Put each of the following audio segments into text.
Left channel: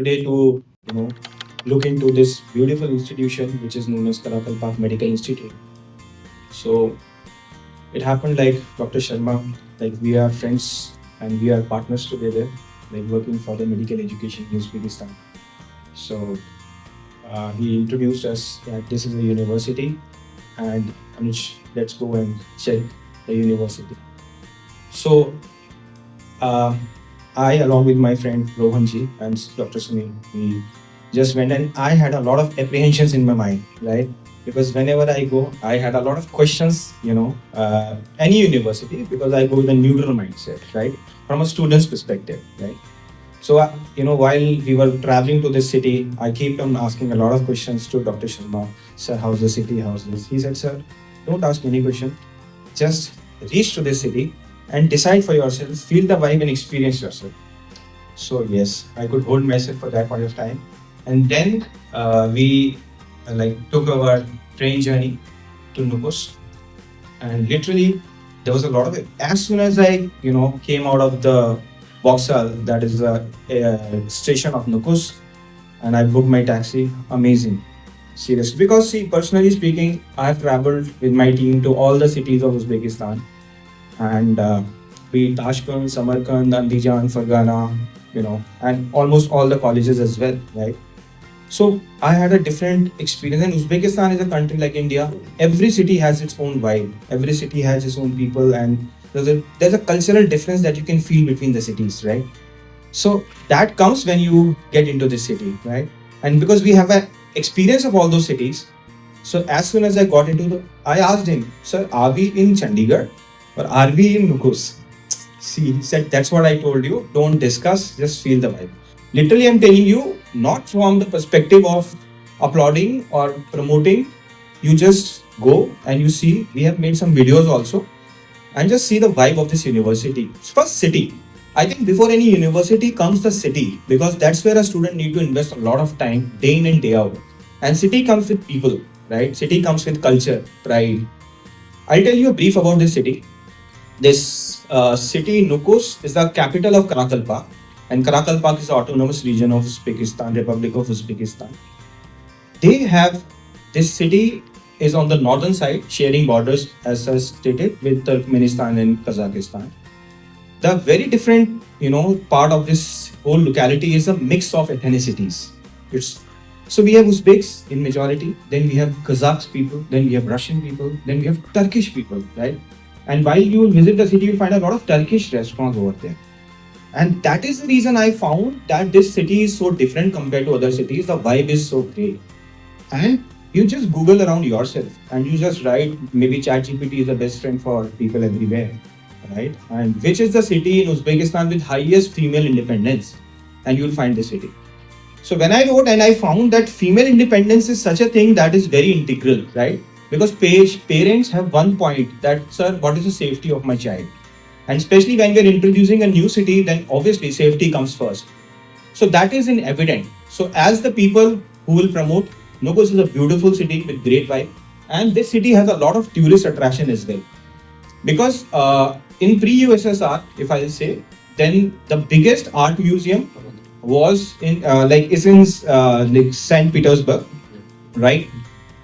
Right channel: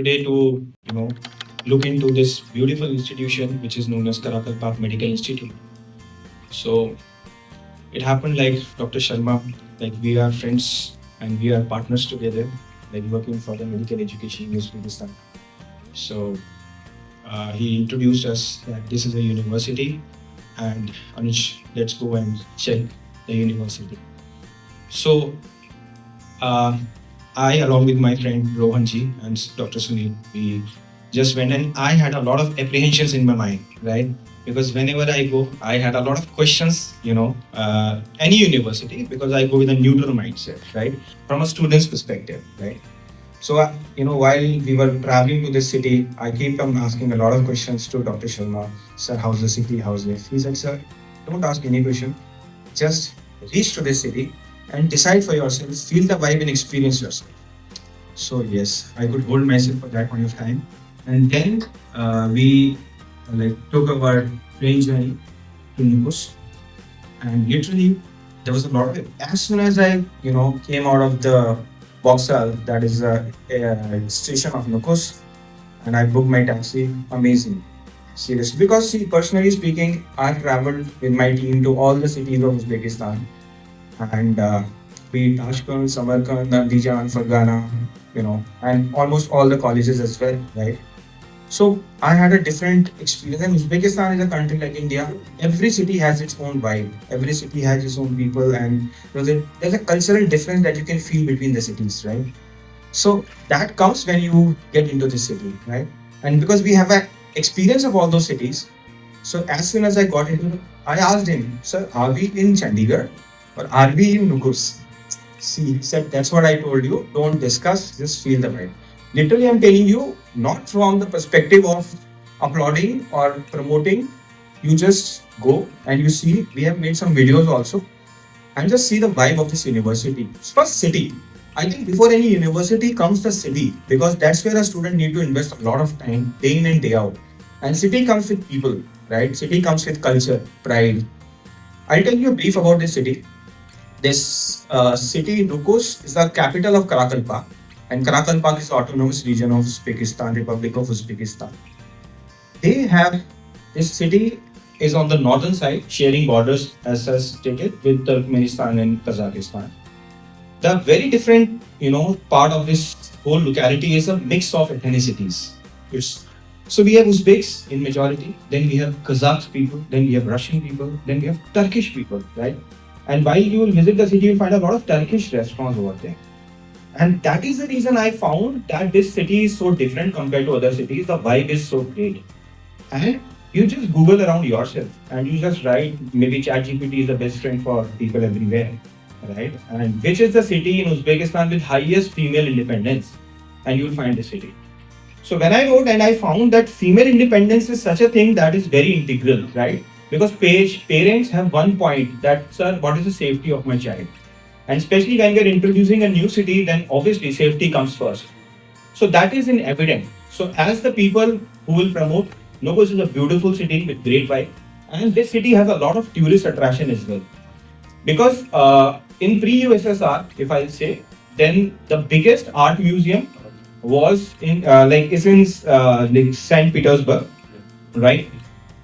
today to look into this beautiful institution which is known as Karakalpak Medical Institute. So it happened like Dr. Sharma, like we are friends and we are partners together, like working for the medical education in Uzbekistan. So he introduced us that this is a university and Anuj, let's go and check the university. So I, along with my friend Rohanji and Dr. Sunil, we just went, and I had a lot of apprehensions in my mind, right? Because whenever I go, I had a lot of questions, any university, because I go with a neutral mindset, right? From a student's perspective, right? So, while we were traveling to this city, I kept on asking a lot of questions to Dr. Sharma. Sir, how's the city? How's this? He said, sir, don't ask any question. Just reach to this city and decide for yourself, feel the vibe and experience yourself. So yes, I could hold myself for that point of time. And then we took our train journey to Nukus. And literally, there was a lot of it. As soon as I, came out of the Vauxhall, that is a station of Nukus, and I booked my taxi. Amazing. Seriously. Because see, personally speaking, I've traveled with my team to all the cities of Uzbekistan. And be it Tashkent, Samarkand, Andijan, Fergana, and almost all the colleges as well, right? So I had a different experience. And Uzbekistan is a country like India. Every city has its own vibe. Every city has its own people, and there's a cultural difference that you can feel between the cities, right? So that comes when you get into the city, right? And because we have an experience of all those cities, so as soon as I got I asked him, sir, are we in Chandigarh or are we in Nukus? See, he said, that's what I told you. Don't discuss, just feel the vibe. Literally, I'm telling you, not from the perspective of applauding or promoting. You just go and you see. We have made some videos also, and just see the vibe of this university. First, city. I think before any university comes the city, because that's where a student need to invest a lot of time, day in and day out. And city comes with people, right? City comes with culture, pride. I'll tell you a brief about this city. This city, Nukus, is the capital of Karakalpak, and Karakalpak is the autonomous region of Uzbekistan, Republic of Uzbekistan. This city is on the northern side, sharing borders, as I stated, with Turkmenistan and Kazakhstan. The very different, part of this whole locality is a mix of ethnicities. So we have Uzbeks in majority, then we have Kazakh people, then we have Russian people, then we have Turkish people, right? And while you will visit the city, you'll find a lot of Turkish restaurants over there. And that is the reason I found that this city is so different compared to other cities. The vibe is so great. And you just Google around yourself and you just write, maybe ChatGPT is the best friend for people everywhere, right? And which is the city in Uzbekistan with highest female independence? And you'll find the city. So when I wrote and I found that female independence is such a thing that is very integral, right? Because parents have one point that, sir, what is the safety of my child? And especially when you're introducing a new city, then obviously safety comes first. So that is in evident. So as the people who will promote, Nukus is a beautiful city with great vibe. And this city has a lot of tourist attraction as well. Because in pre-USSR, if I'll say, then the biggest art museum was in St. Petersburg, right?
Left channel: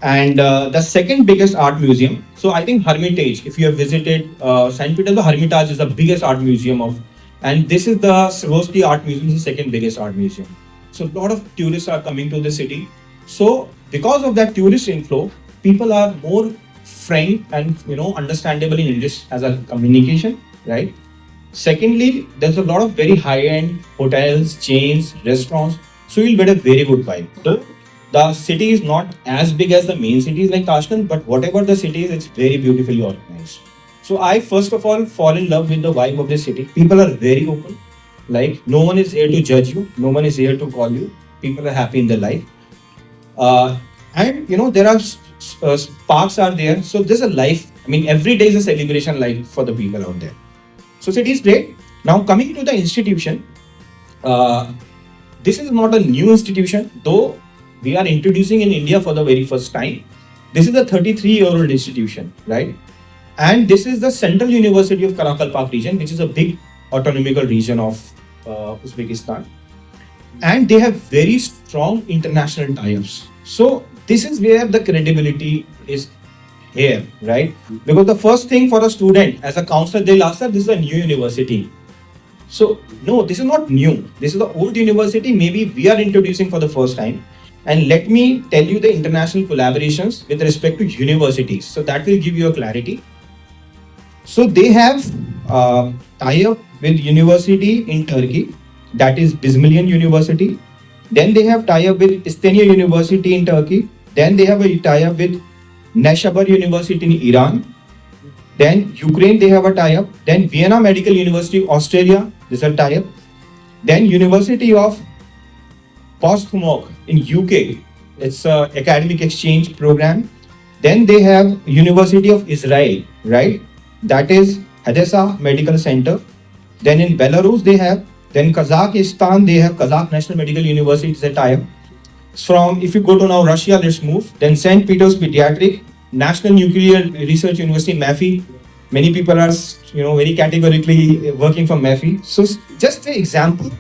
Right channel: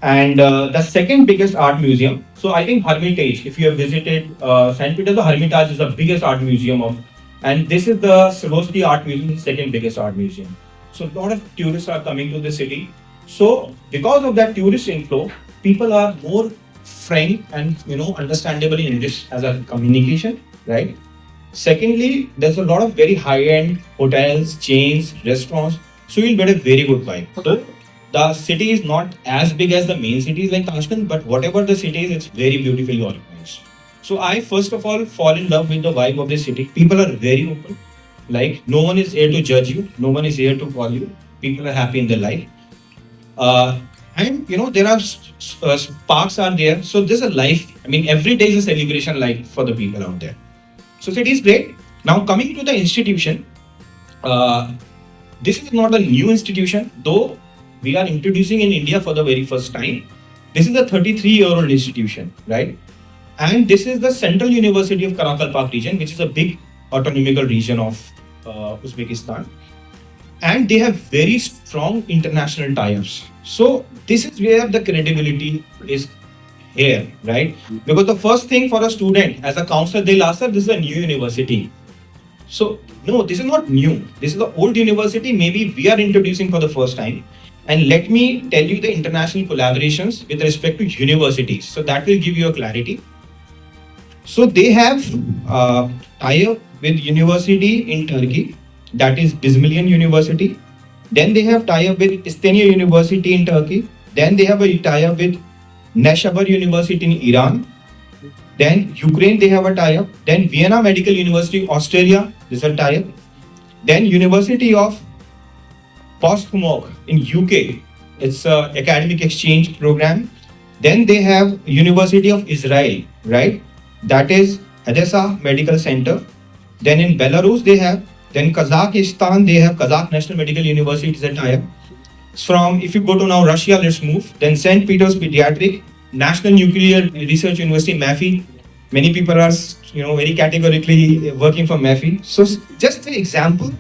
And the second biggest art museum, so I think Hermitage, if you have visited St. Petersburg, Hermitage is the biggest art museum and this is the Swarovski Art Museum, is the second biggest art museum. So a lot of tourists are coming to the city. So because of that tourist inflow, people are more frank and understandable in English as a communication, right? Secondly, there's a lot of very high-end hotels, chains, restaurants, so you'll get a very good vibe. So the city is not as big as the main cities like Tashkent, but whatever the city is, it's very beautifully organized. So I first of all fall in love with the vibe of the city. People are very open. Like no one is here to judge you, no one is here to call you. People are happy in their life. And there are parks are there. So there's a life. I mean, every day is a celebration life for the people out there. So city is great. Now coming to the institution, this is not a new institution, though we are introducing in India for the very first time. This is a 33-year-old institution, right? And this is the Central University of Karakalpak region, which is a big autonomical region of Uzbekistan. and they have very strong international ties. So this is where the credibility is here, right? Because the first thing for a student as a counselor, they'll ask that this is a new university. So no, this is not new. This is the old university. Maybe we are introducing for the first time. And let me tell you the international collaborations with respect to universities. So that will give you a clarity. So they have tie-up with university in Turkey, that is Bismillion University. Then they have tie-up with Istenia University in Turkey. Then they have a tie-up with Neshabar University in Iran. Then Ukraine, they have a tie-up. Then Vienna Medical University, Australia, this is a tie-up. Then University of Portsmouth in UK, it's a academic exchange program. Then they have University of Israel, right? That is Hadassah Medical Center. Then in Belarus they have, then Kazakhstan they have Kazakh National Medical University, it's a tie-up. From, if you go to now Russia, let's move. Then St. Peter's Pediatric, National Nuclear Research University, MAFI. Many people are, very categorically working for MAFI. So just an example,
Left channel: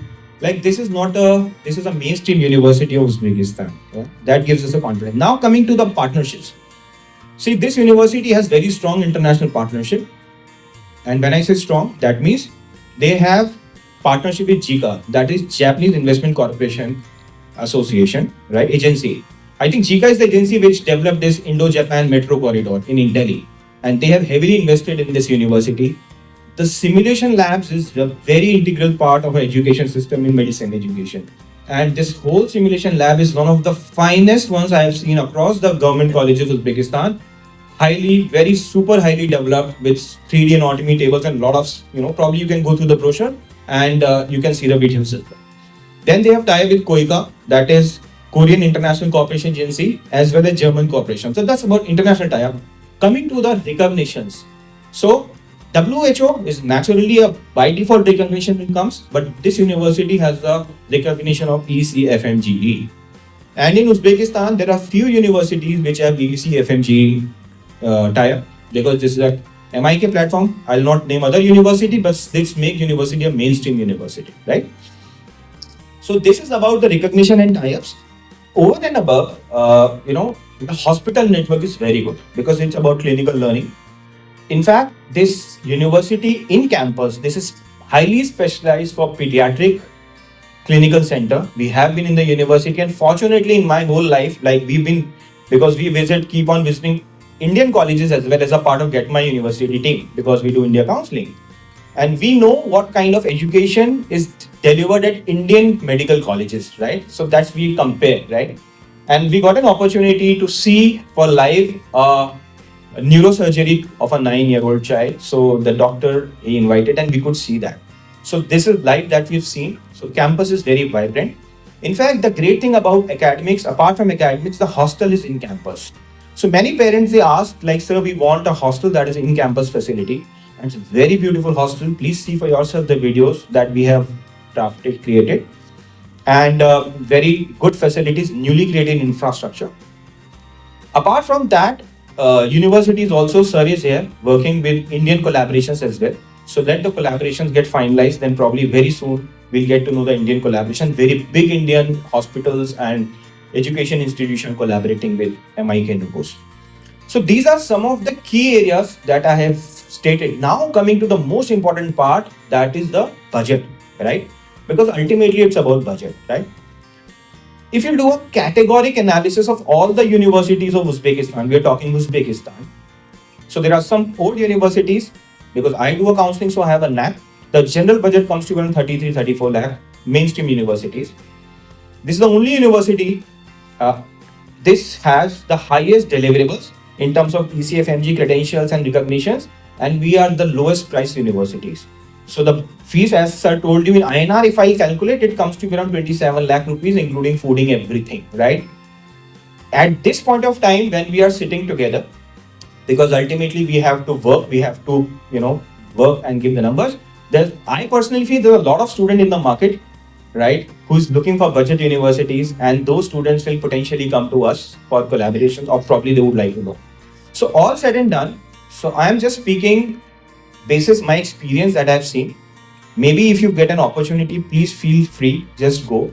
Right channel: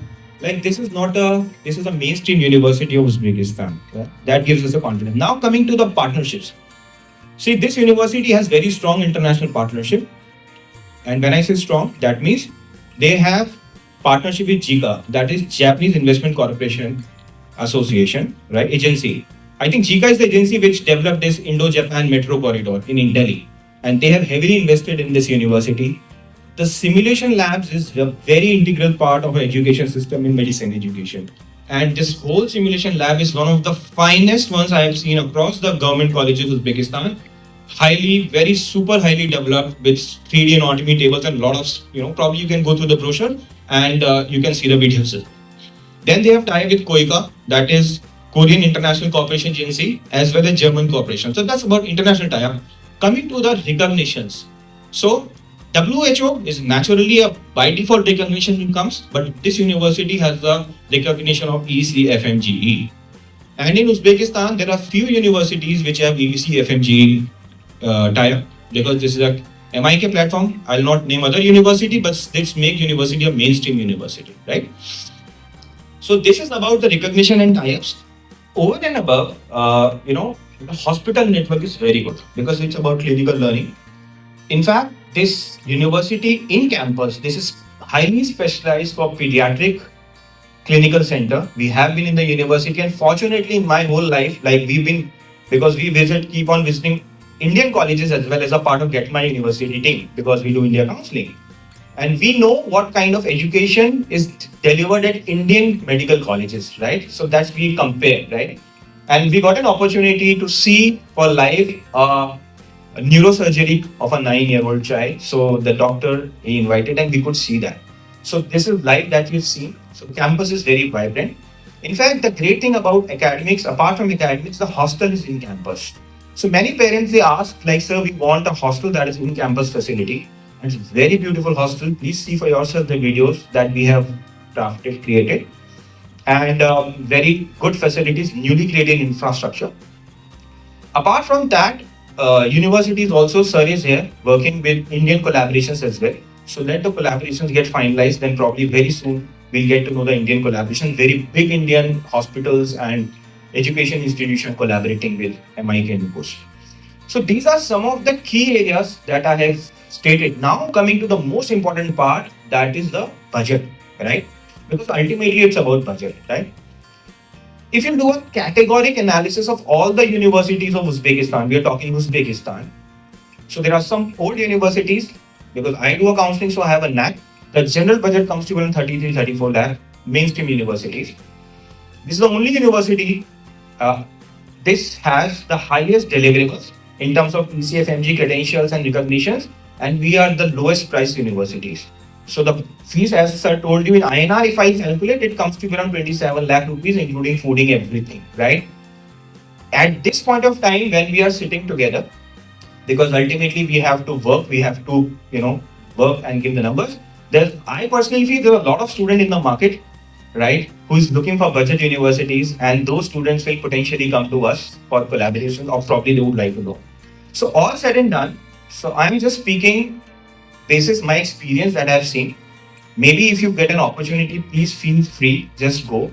like this is a mainstream university of Uzbekistan. Yeah? That gives us a confidence. Now coming to the partnerships. See, this university has very strong international partnership. And when I say strong, that means they have partnership with JICA, that is Japanese Investment Corporation Association, right? Agency. I think JICA is the agency which developed this Indo-Japan Metro Corridor in Delhi. And they have heavily invested in this university. The simulation labs is a very integral part of our education system in medicine education. And this whole simulation lab is one of the finest ones I have seen across the government colleges of Uzbekistan. Very super highly developed with 3D anatomy tables and a lot of, probably you can go through the brochure and you can see the videos. Then they have tie with KOICA, that is Korean International Cooperation Agency, as well as German Cooperation. So that's about international tie-up. Coming to the recognitions. So WHO is naturally a by default recognition it comes, but this university has the recognition of ECFMGE. And in Uzbekistan, there are few universities which have ECFMGE tie-up, because this is a MIK platform. I'll not name other university, but this make university a mainstream university, right? So this is about the recognition and tie-ups. Over and above, the hospital network is very good because it's about clinical learning. In fact, this university in campus, this is highly specialized for pediatric clinical center. We have been in the university, and fortunately in my whole life, like because we keep on visiting Indian colleges as well as a part of KMI University team, because we do India counseling. And we know what kind of education is delivered at Indian medical colleges, right? So that's we compare, right? And we got an opportunity to see for live neurosurgery of a 9-year-old child. So the doctor he invited and we could see that. So this is live that we've seen. So campus is very vibrant. In fact, the great thing about academics, apart from academics, the hostel is in campus. So many parents, they ask like, sir, we want a hostel that is in campus facility. And it's a very beautiful hostel. Please see for yourself the videos that we have created. And very good facilities, newly created infrastructure. Apart from that, universities also, sir is here working with Indian collaborations as well. So let the collaborations get finalized, then probably very soon we'll get to know the Indian collaboration. Very big Indian hospitals and education institution collaborating with MIK Nukus. So these are some of the key areas that I have stated. Now coming to the most important part, that is the budget, right? Because ultimately it's about budget, right? If you do a categoric analysis of all the universities of Uzbekistan, we are talking Uzbekistan. So there are some old universities, because I do a counseling, so I have a knack. The general budget comes to around 33-34 lakh, mainstream universities. This is the only university, this has the highest deliverables in terms of ECFMG credentials and recognitions, and we are the lowest priced universities. So the fees, as I told you in INR, if I calculate, it comes to around 27 lakh rupees, including fooding, everything, right? At this point of time, when we are sitting together, because ultimately we have to work, work and give the numbers. I personally feel there are a lot of students in the market, right, who's looking for budget universities, and those students will potentially come to us for collaborations, or probably they would like to go. So all said and done, so I am just speaking basis my experience that I've seen. Maybe if you get an opportunity, please feel free, just go.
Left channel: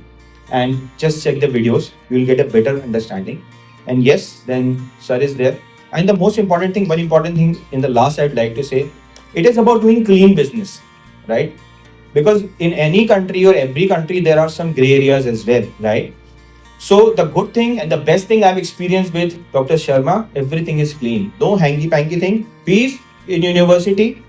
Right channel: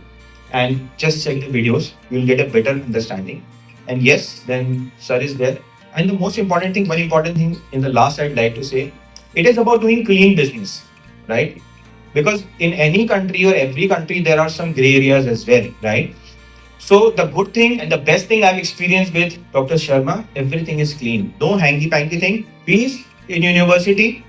and just check the videos. You'll get a better understanding. And yes, then sir is there. And the most important thing, one important thing in the last I'd like to say, it is about doing clean business, right? Because in any country or every country, there are some gray areas as well, right? So the good thing and the best thing I've experienced with Dr. Sharma, everything is clean. No hanky-panky thing. Fees in university,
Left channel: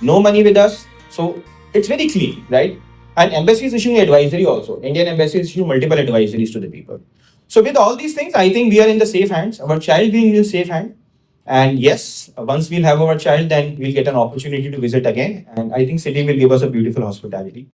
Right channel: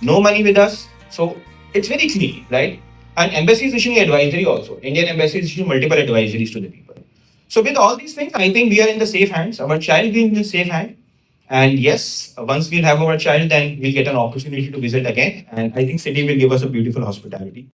no money with us. So it's very clean, right? And embassy is issuing advisory also. Indian embassy is issuing multiple advisories to the people. So with all these things, I think we are in the safe hands. Our child will be in the safe hand. And yes, once we'll have our child, then we'll get an opportunity to visit again. And I think city will give us a beautiful hospitality.